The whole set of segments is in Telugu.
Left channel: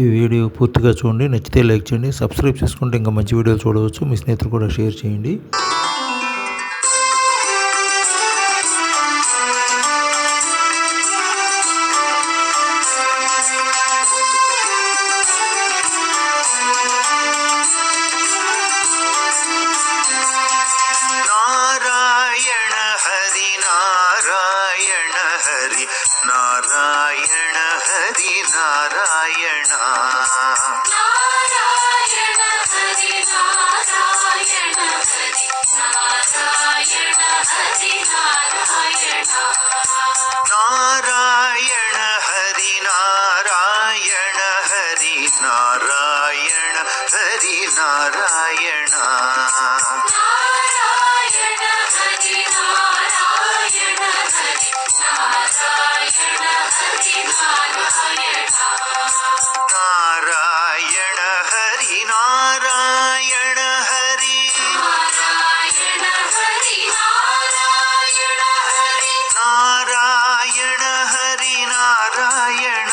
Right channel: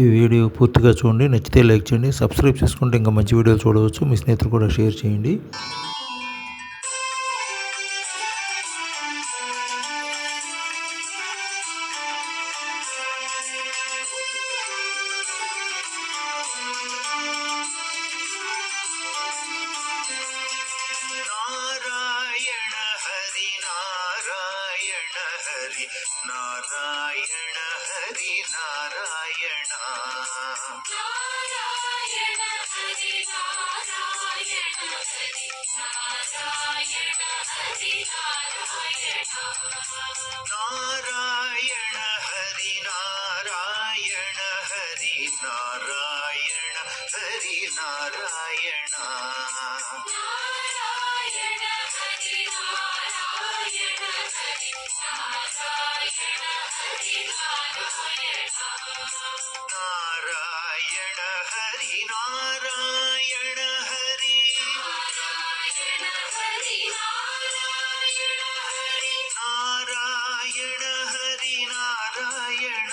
ఈ వీడియో పూర్తిగా చూడండి. నచ్చితే లైక్ చేయండి. సబ్స్క్రైబ్ చేసుకుంటే ఇంకా మంచి వీడియోలు చూడవచ్చు. మీ స్నేహితులు కూడా షేర్ చేయండి. నారాయణ హరి నారాయణ హరి నారాయణ హరి నారాయణ నారాయణ హరి నారాయణ హరి నారాయణ హరి నారాయణ నారాయణ హరి నారాయణ హరి నారాయణ హరి నారాయణ నారాయణ హరి నారాయణ హరి నారాయణ హరి నారాయణ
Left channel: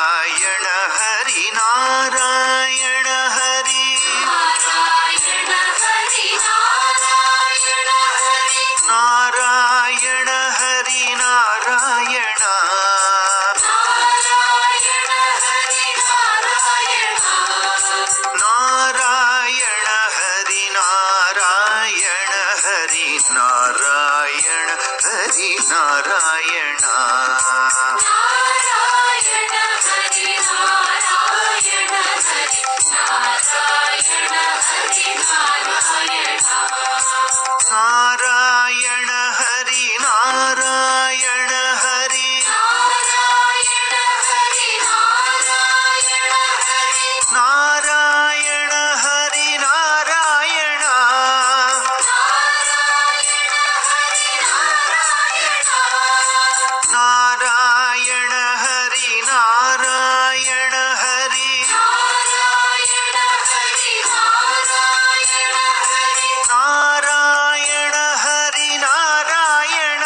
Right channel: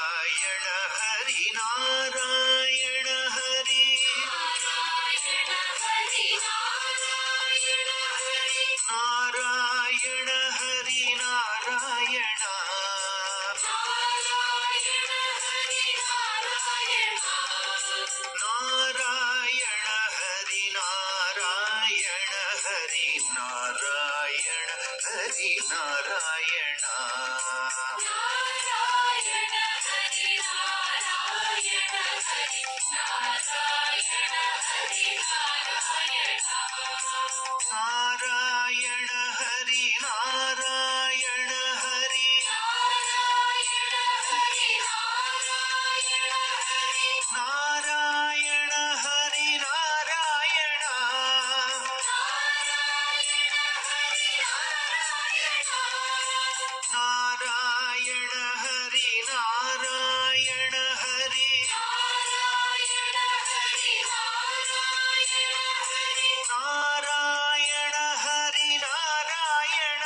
నారాయణ హరి నారాయణ హరి నారాయణ హరి నారాయణ హరి నారాయణ హరి నారాయణ నారాయణ హరి నారాయణ నారాయణ హరి నారాయణ హరి నారాయణ హరి నారాయణ హరి నారాయణ హరి నారాయణ నారాయణ హరి నారాయణ నారాయణ హరి నారాయణ హరి నారాయణ హరి నారాయణ నారాయణ హరి నారాయణ హరి నారాయణ హరి నారాయణ నారాయణ హరి నారాయణ హరి నారాయణ హరి నారాయణ హరి నారాయణ హరి నారాయణ నారాయణ హరి నారాయణ నారాయణ హరి నారాయణ హరి నారాయణ హరి నారాయణ హరి నారాయణ హరి నారాయణ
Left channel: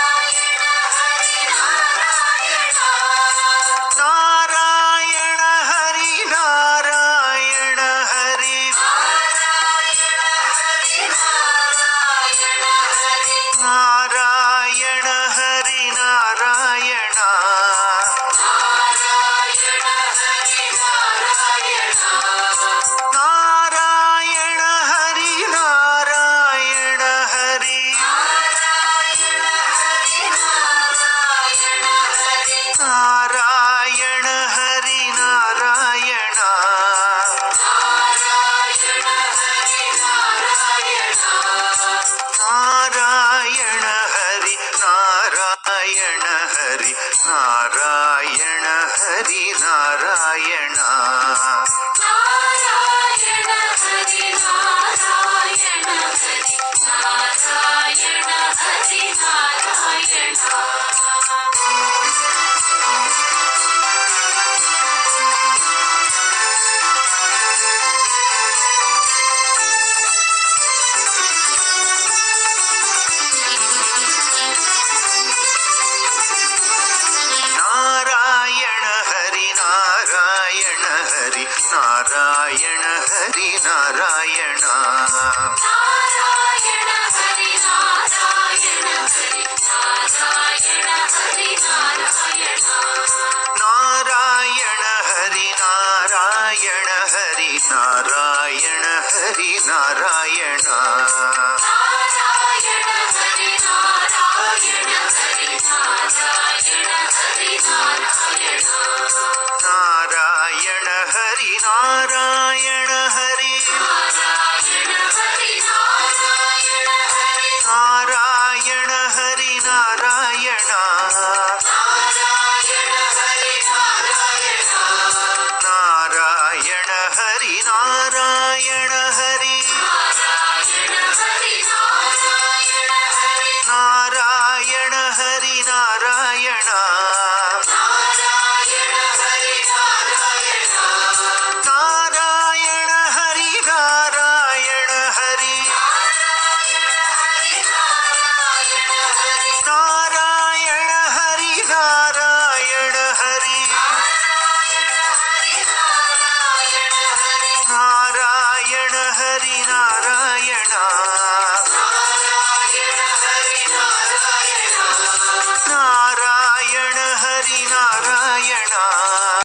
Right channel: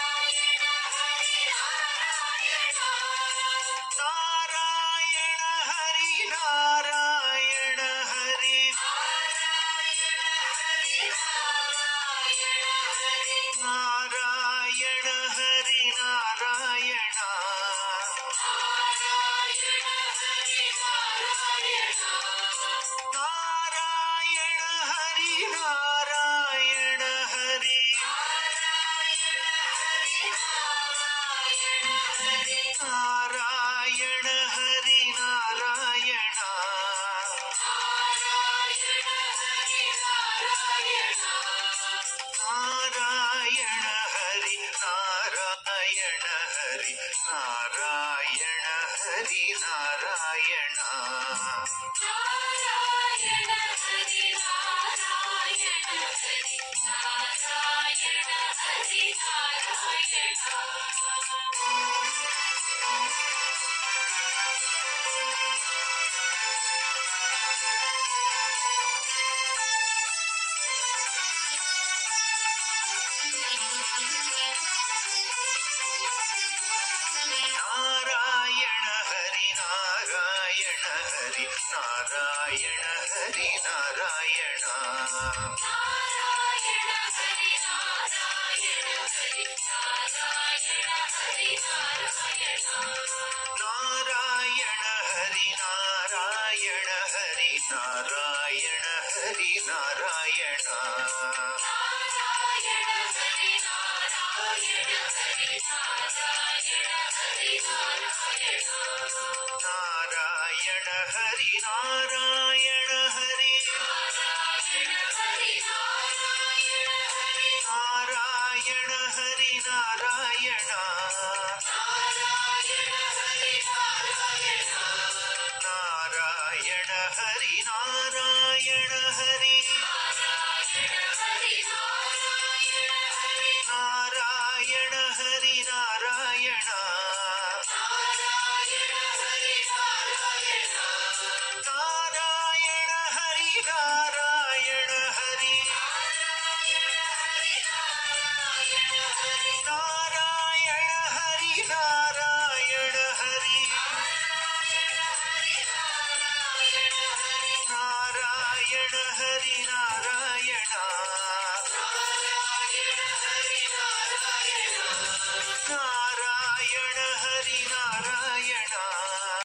నారాయణ హరి నారాయణ నారాయణ హరి నారాయణ హరి నారాయణ హరి నారాయణ హరి నారాయణ హరి నారాయణ నారాయణ హరి నారాయణ నారాయణ హరి నారాయణ హరి నారాయణ హరి నారాయణ హరి నారాయణ హరి నారాయణ నారాయణ హరి నారాయణ నారాయణ హరి నారాయణ హరి నారాయణ హరి నారాయణ నారాయణ హరి నారాయణ హరి నారాయణ హరి నారాయణ నారాయణ హరి నారాయణ హరి నారాయణ హరి నారాయణ నారాయణ హరి నారాయణ హరి నారాయణ హరి నారాయణ నారాయణ హరి నారాయణ హరి నారాయణ హరి నారాయణ నారాయణ హరి నారాయణ హరి నారాయణ హరి నారాయణ నారాయణ హరి నారాయణ హరి నారాయణ హరి నారాయణ హరి నారాయణ హరి నారాయణ నారాయణ హరి నారాయణ నారాయణ హరి నారాయణ హరి నారాయణ హరి నారాయణ హరి నారాయణ హరి నారాయణ నారాయణ హరి నారాయణ నారాయణ నారాయణ హరి నారాయణ హరి నారాయణ హరి నారాయణ